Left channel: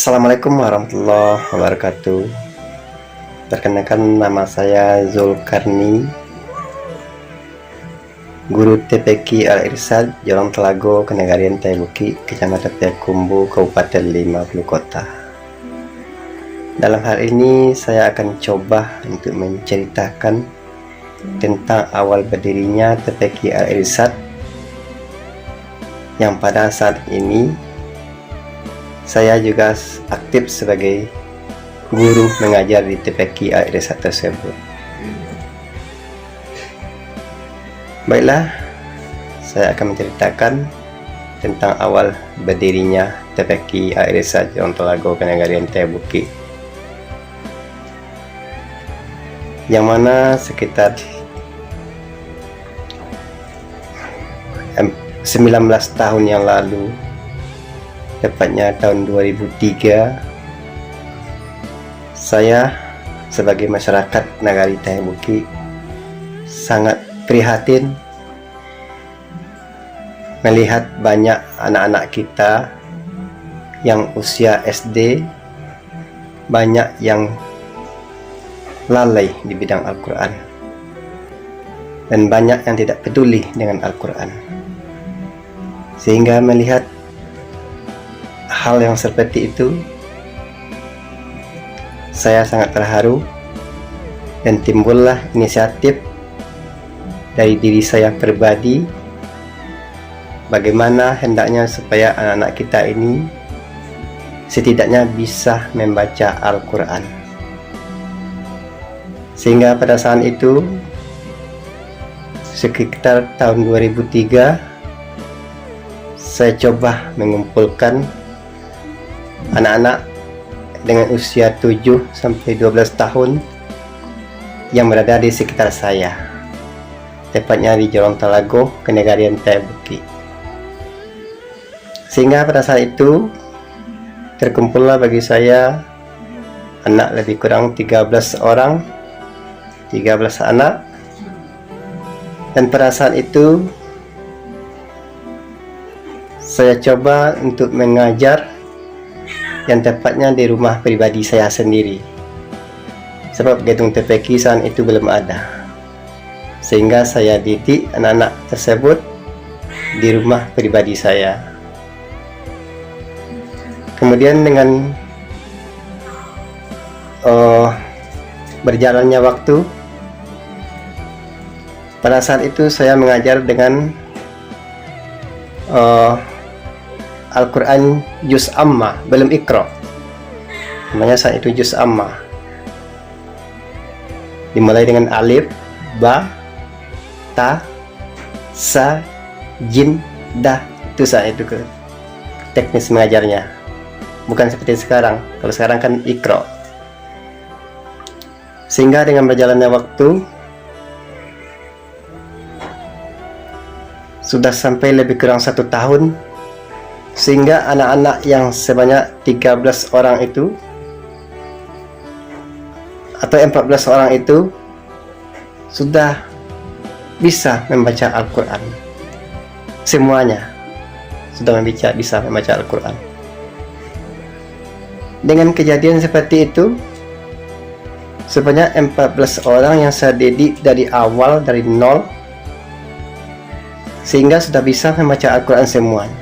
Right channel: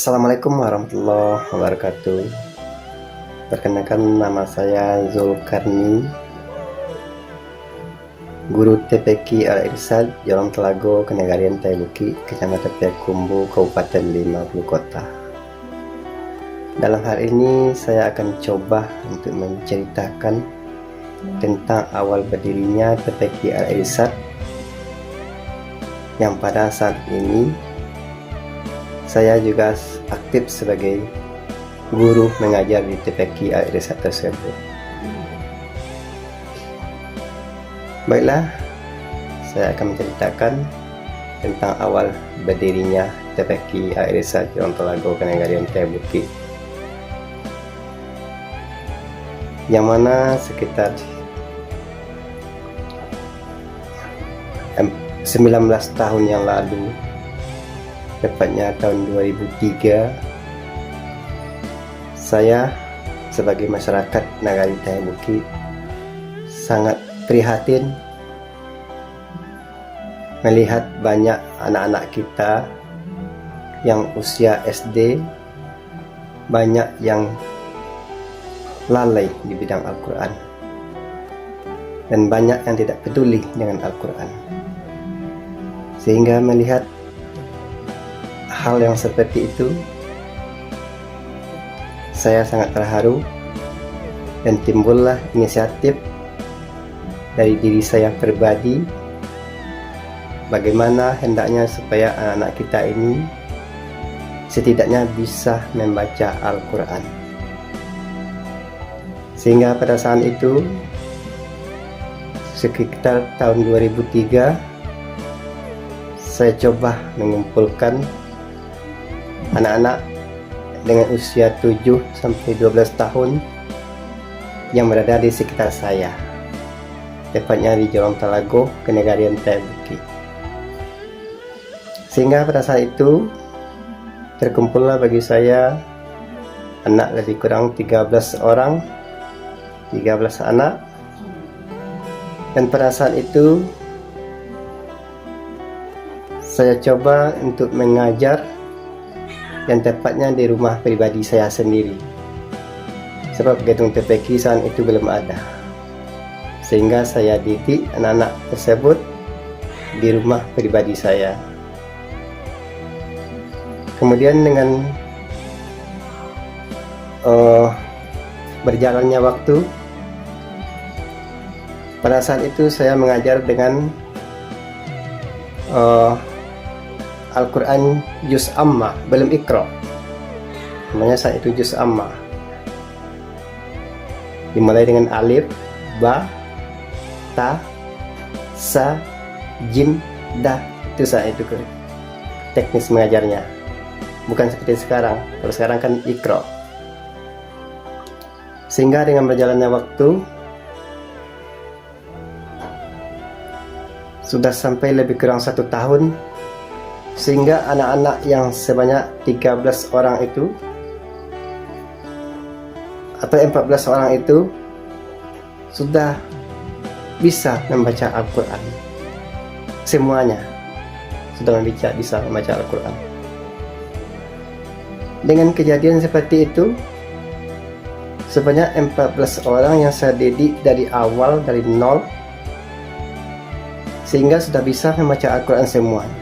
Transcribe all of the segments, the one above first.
Assalamualaikum warahmatullahi wabarakatuh. Perkenalkan, nama saya Zulkarni, guru TPQ Al-Irsyad, Jolong Telago, Kenegarian Taibuki, Kecamatan Payakumbu, Kabupaten 50 Kota. Dalam hal ini saya akan coba untuk menceritakan tentang awal berdirinya TPQ Al-Irsyad, yang pada saat ini saya juga aktif sebagai guru mengajar di TPQ Al-Irsyad tersebut. Baiklah, saya akan menceritakan tentang awal berdirinya TPQ Al-Irsyad Jolong Telago, Kenegarian Taibuki, yang mana sekitar 19 tahun yang lalu, tepatnya tahun 2003, saya sebagai masyarakat Nagari Taibuki sangat prihatin melihat banyak anak-anak kita yang usia SD, banyak yang lalai di bidang Al-Quran, dan banyak yang tidak peduli dengan Al-Quran. Sehingga melihat hal yang seperti itu, saya sangat terharu dan timbullah inisiatif dari diri saya pribadi, bagaimana hendaknya supaya anak-anak kita ini setidaknya bisa membaca Al-Quran. Sehingga pada saat itu, sekitar tahun 2003, saya coba mengumpulkan anak-anak dengan usia 7 sampai 12 tahun yang berada di sekitar saya, tepatnya di Jolong Telago, Kenegarian Taibuki. Sehingga pada saat itu terkumpullah bagi saya anak lebih kurang 13 orang, 13 anak. Dan pada saat itu saya coba untuk mengajar yang tepatnya di rumah pribadi saya sendiri, sebab gedung TPQ saat itu belum ada. Sehingga saya didik anak-anak tersebut di rumah pribadi saya. Kemudian dengan berjalannya waktu, pada saat itu saya mengajar dengan Al-Quran Juz Amma, belum Iqra, namanya saat itu Juz Amma, dimulai dengan alif, ba, ta, sa, jin, dah. Itu saat itu teknis mengajarnya, bukan seperti sekarang. Kalau sekarang kan Iqra. Sehingga dengan berjalannya waktu, sudah sampai lebih kurang 1 tahun, sehingga anak-anak yang sebanyak 13 orang itu atau 14 orang itu sudah bisa membaca Al-Quran. Semuanya sudah bisa membaca Al-Quran. Dengan kejadian seperti itu, sebanyak 14 orang yang saya didik dari awal, dari nol, sehingga sudah bisa membaca Al-Quran semuanya.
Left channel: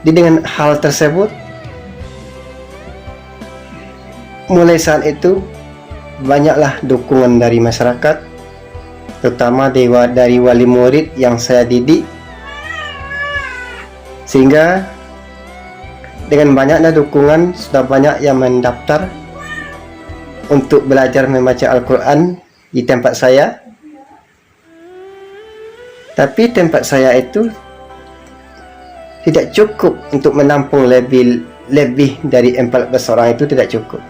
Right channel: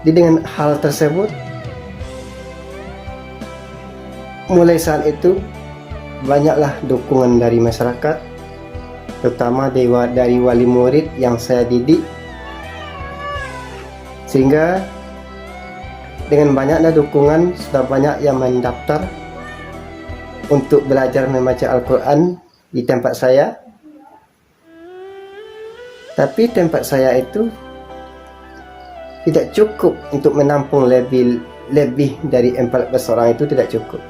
Dengan hal tersebut, mulai saat itu banyaklah dukungan dari masyarakat, terutama dari wali murid yang saya didik. Sehingga dengan banyaknya dukungan, sudah banyak yang mendaftar untuk belajar membaca Al-Quran di tempat saya. Tapi tempat saya itu tidak cukup untuk menampung lebih dari 14 orang itu, tidak cukup.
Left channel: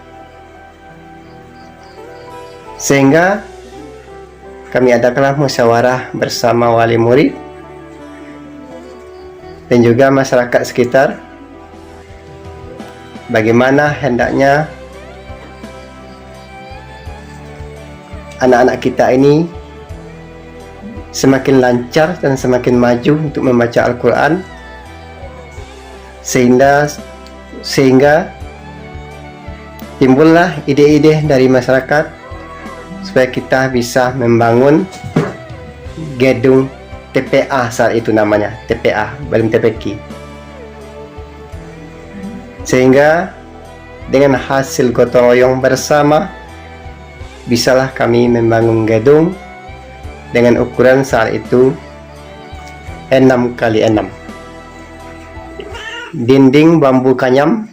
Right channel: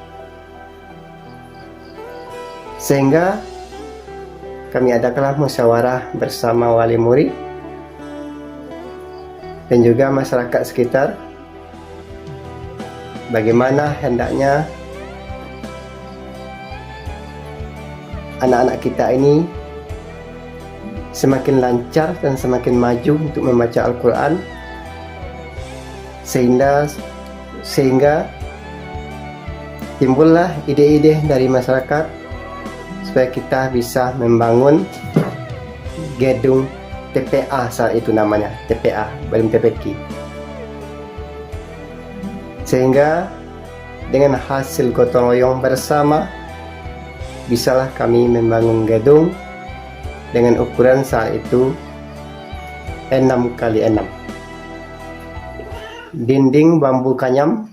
Sehingga kami adakanlah musyawarah bersama wali murid dan juga masyarakat sekitar, bagaimana hendaknya anak-anak kita ini semakin lancar dan semakin maju untuk membaca Al-Quran, sehingga sehingga timbullah ide-ide dari masyarakat supaya kita bisa membangun gedung TPA, saat itu namanya TPA, belum TPQ. Sehingga dengan hasil gotong royong bersama bisalah kami membangun gedung dengan ukuran saat itu 6 kali 6, dinding bambu kanyam,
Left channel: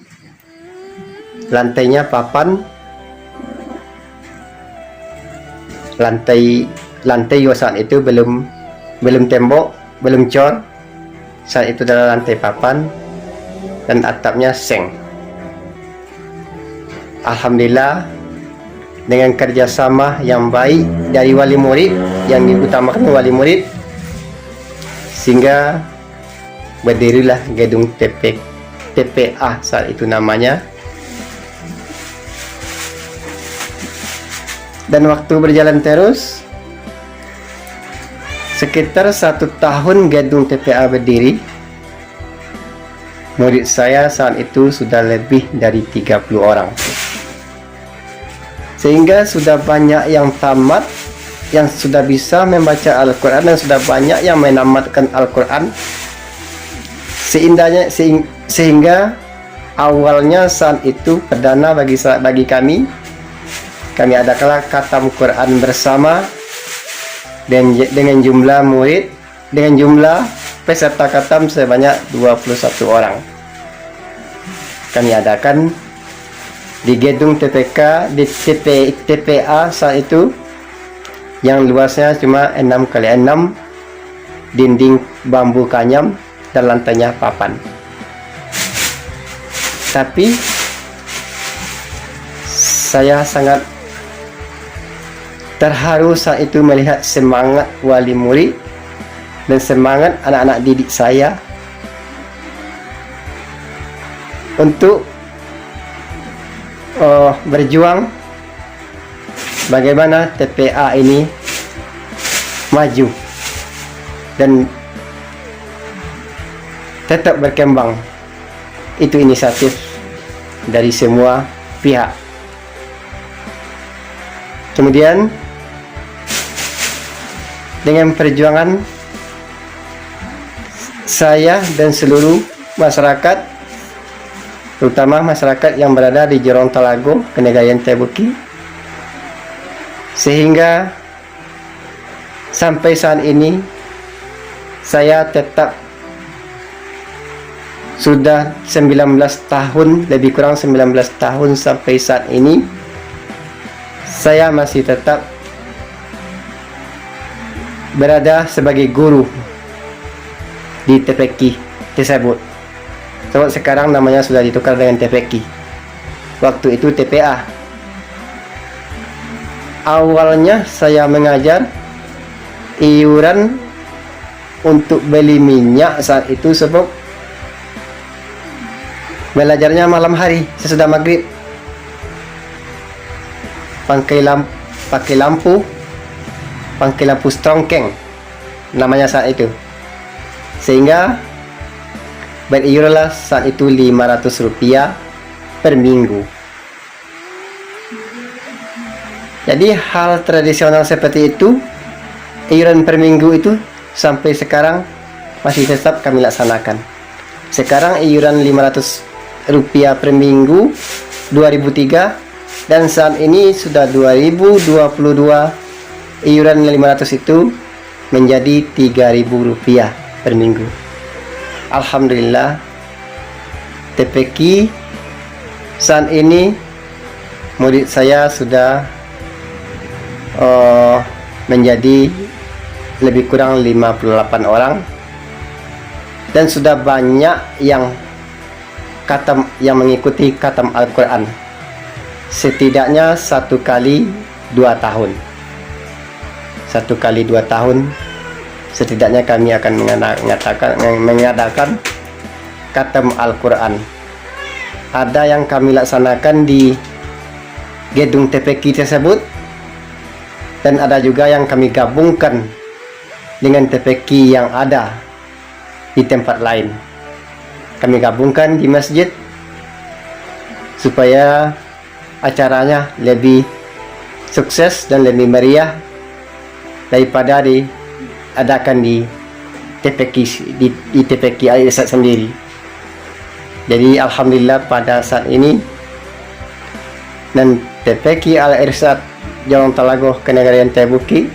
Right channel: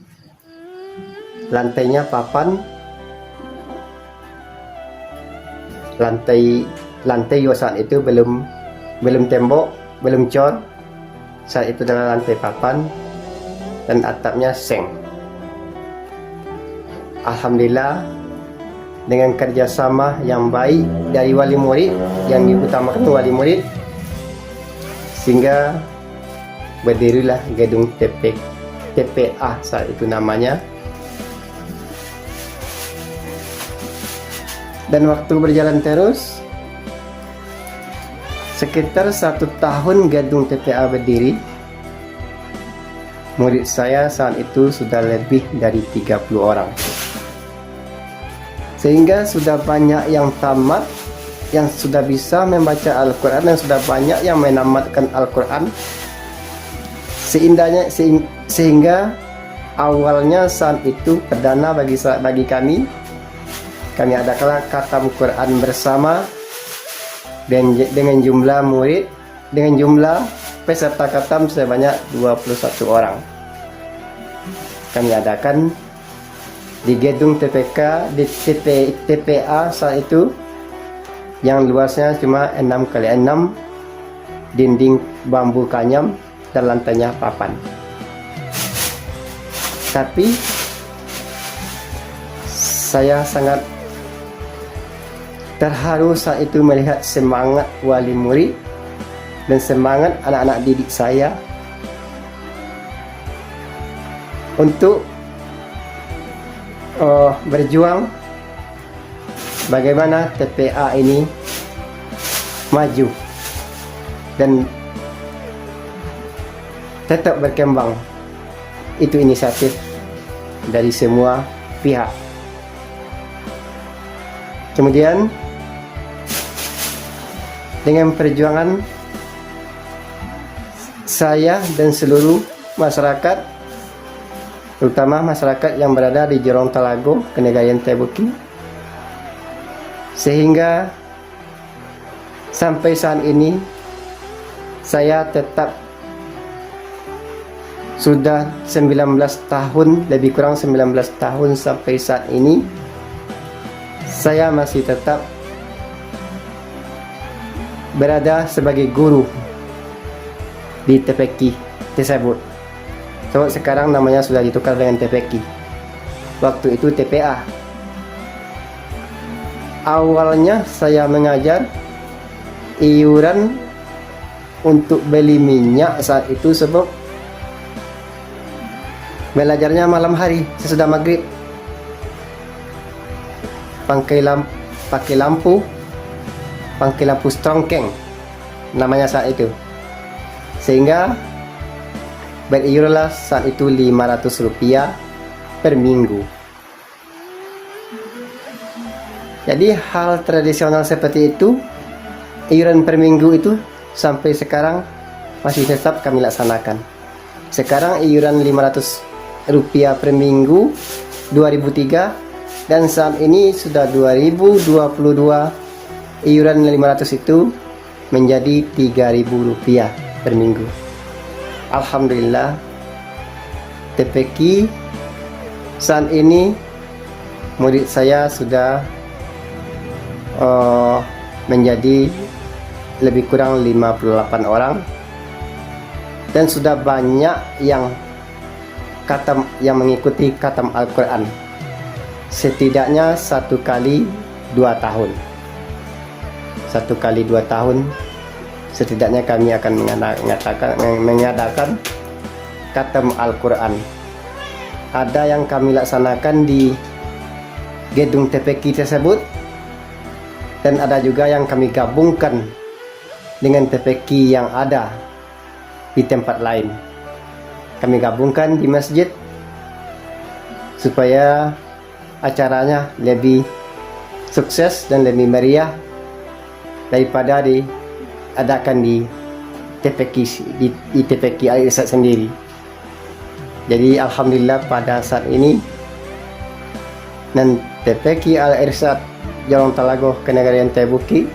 lantainya papan, lantai juga saat itu belum tembok, belum cor, saat itu adalah lantai papan, dan atapnya seng. Alhamdulillah dengan kerjasama yang baik dari wali murid, yang diutamakan wali murid, sehingga berdirilah gedung TPA saat itu namanya. Dan waktu berjalan terus, sekitar 1 tahun gedung TPA berdiri, murid saya saat itu sudah lebih dari 30 orang. Sehingga sudah banyak yang tamat, yang sudah bisa membaca Al-Quran, dan sudah banyak yang menamatkan Al-Quran. Sehingga awalnya saat itu perdana bagi kami adalah khatam Quran bersama dengan jumlah murid, dengan jumlah peserta khatam sebanyak 21 orang. Kami adakan di gedung TPA saat itu, yang luasnya cuma 6 kali 6, dinding bambu kanyam, dan lantainya papan. Tapi saya sangat terharu saat itu melihat semangat wali murid dan semangat anak-anak didik saya untuk berjuang bagaimana TPA ini maju dan tetap berkembang. Itu inisiatif dari semua pihak. Kemudian dengan perjuangan saya dan seluruh masyarakat, terutama masyarakat yang berada di Gorontalo, Kenegarian Taibuki, sehingga sampai saat ini saya tetap sudah 19 tahun, lebih kurang 19 tahun sampai saat ini, saya masih tetap berada sebagai guru di TPQ tersebut. So, sekarang namanya sudah ditukar dengan TPQ. Waktu itu TPA. Awalnya saya mengajar, iuran untuk beli minyak saat itu sebab belajarnya malam hari sesudah maghrib, pakai lampu strongkeng namanya saat itu, sehingga beriuranlah saat itu Rp500 per minggu. Jadi hal tradisional seperti itu, iuran per minggu itu sampai sekarang masih tetap kami laksanakan. Sekarang iuran Rp500 per minggu 2003, dan saat ini sudah 2022, iuran 500 itu menjadi Rp3.000 per minggu. Alhamdulillah, TPQ saat ini murid saya sudah menjadi lebih kurang 58 orang, dan sudah banyak yang mengikuti khatam Al-Quran, setidaknya 1 kali 2 tahun. 1 kali 2 tahun setidaknya kami akan mengadakan khatam Al-Quran. Ada yang kami laksanakan di gedung TPQ tersebut, dan ada juga yang kami gabungkan dengan TPQ yang ada di tempat lain. Kami gabungkan di masjid supaya acaranya lebih sukses dan lebih meriah daripada diadakan di TPQ Al Irsyad sendiri. Jadi alhamdulillah pada saat ini dan TPQ Al Irsyad Jorong Talago Kenegarian Taibuki,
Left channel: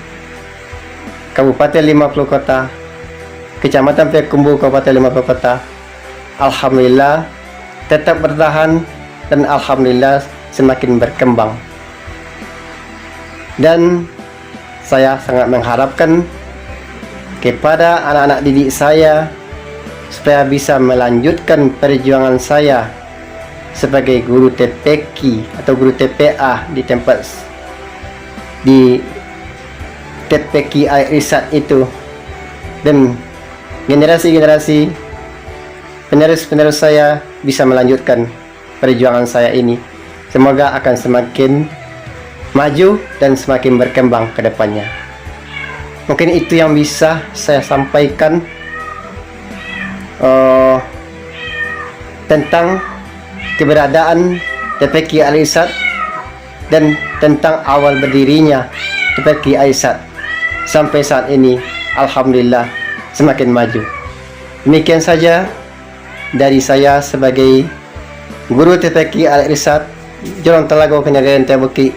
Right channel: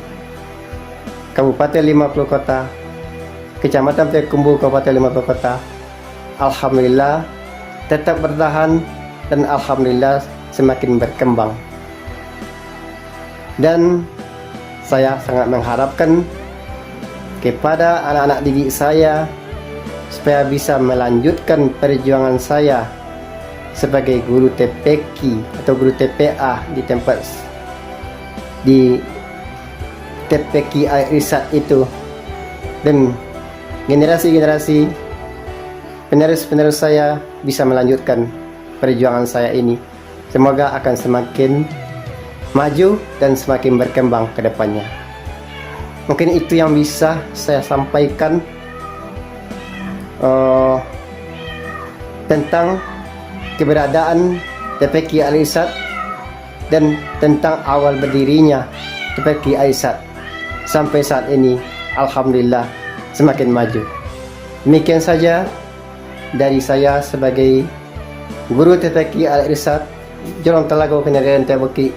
Kabupaten 50 Kota, Kecamatan Payakumbuh Kabupaten 50 Kota, alhamdulillah tetap bertahan dan alhamdulillah semakin berkembang. Dan saya sangat mengharapkan kepada anak-anak didik saya supaya bisa melanjutkan perjuangan saya sebagai guru TPQ atau guru TPA di tempat di TPQ Al Irsyad itu, dan generasi-generasi penerus-penerus saya bisa melanjutkan perjuangan saya ini. Semoga akan semakin maju dan semakin berkembang ke depannya. Mungkin itu yang bisa saya sampaikan tentang keberadaan TPQ Al Irsyad dan tentang awal berdirinya TPQ Al Irsyad sampai saat ini. Alhamdulillah semakin maju. Demikian saja dari saya sebagai guru TPQ Al Irsyad Jorong Talago Kenegarian Taibuki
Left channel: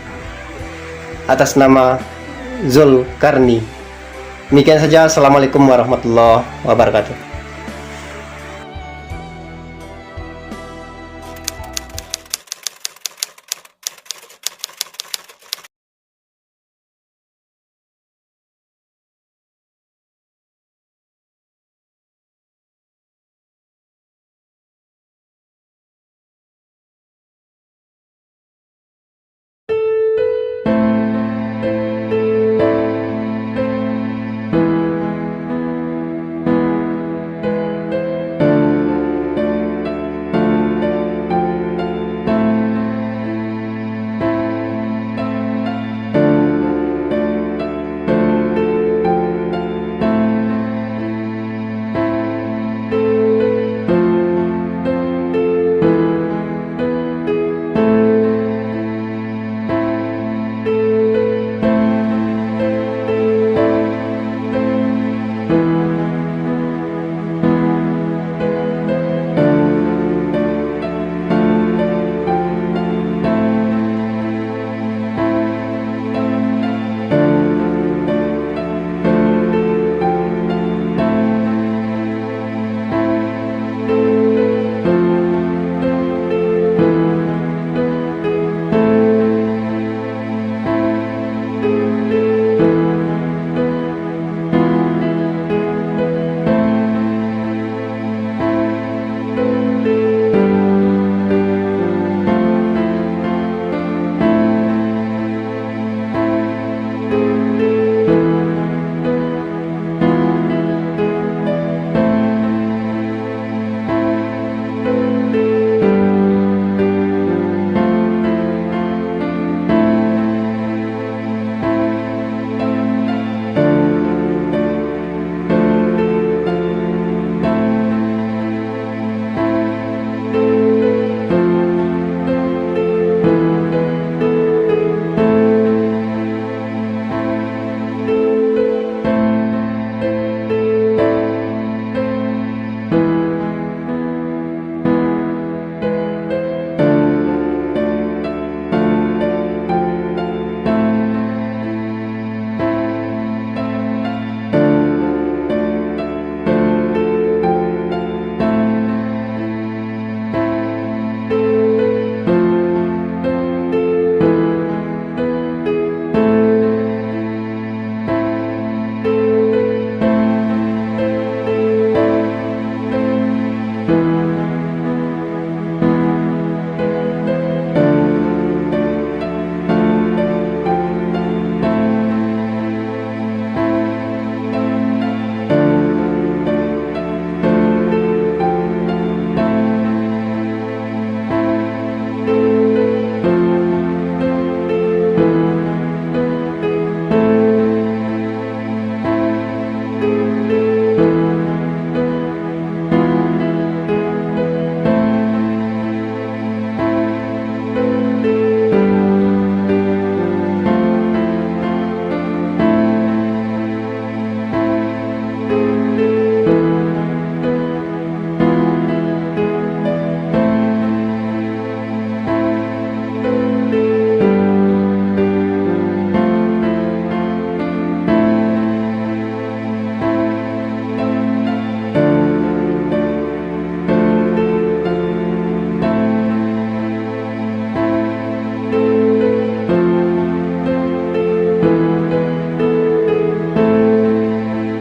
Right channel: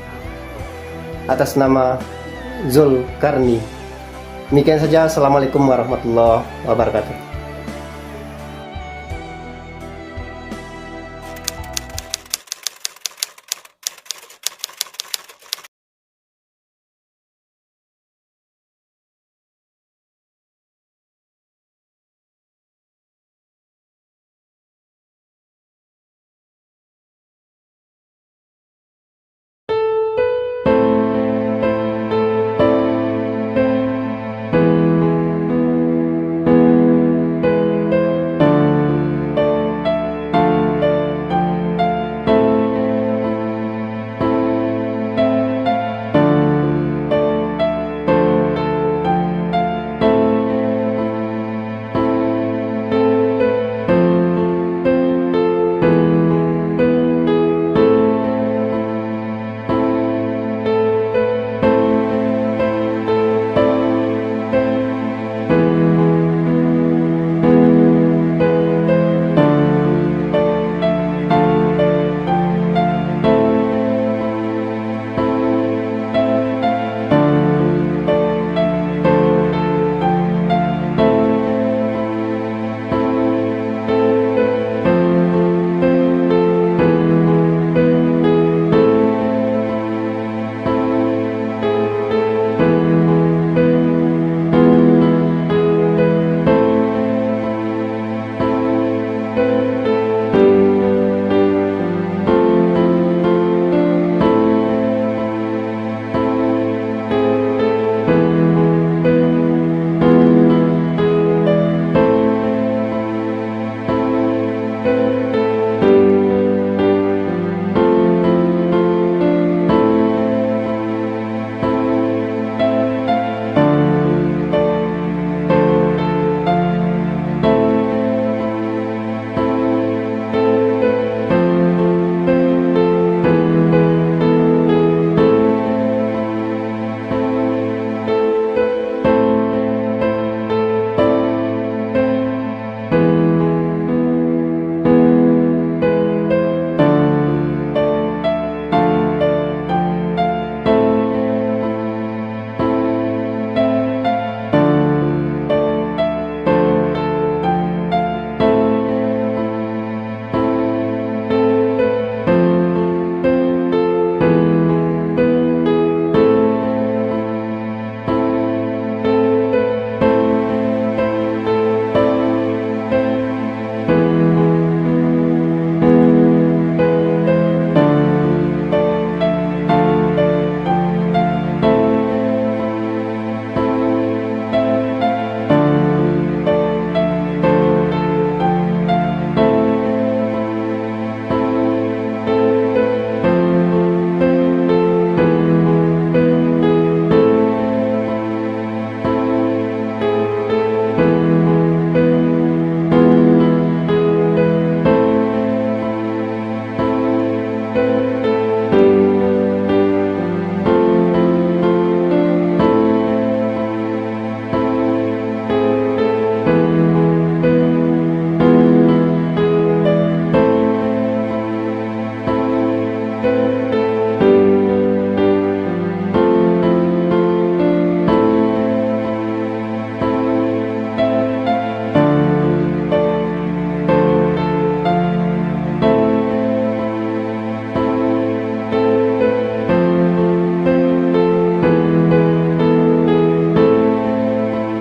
atas nama Zulkarni. Demikian saja. Assalamualaikum warahmatullahi wabarakatuh.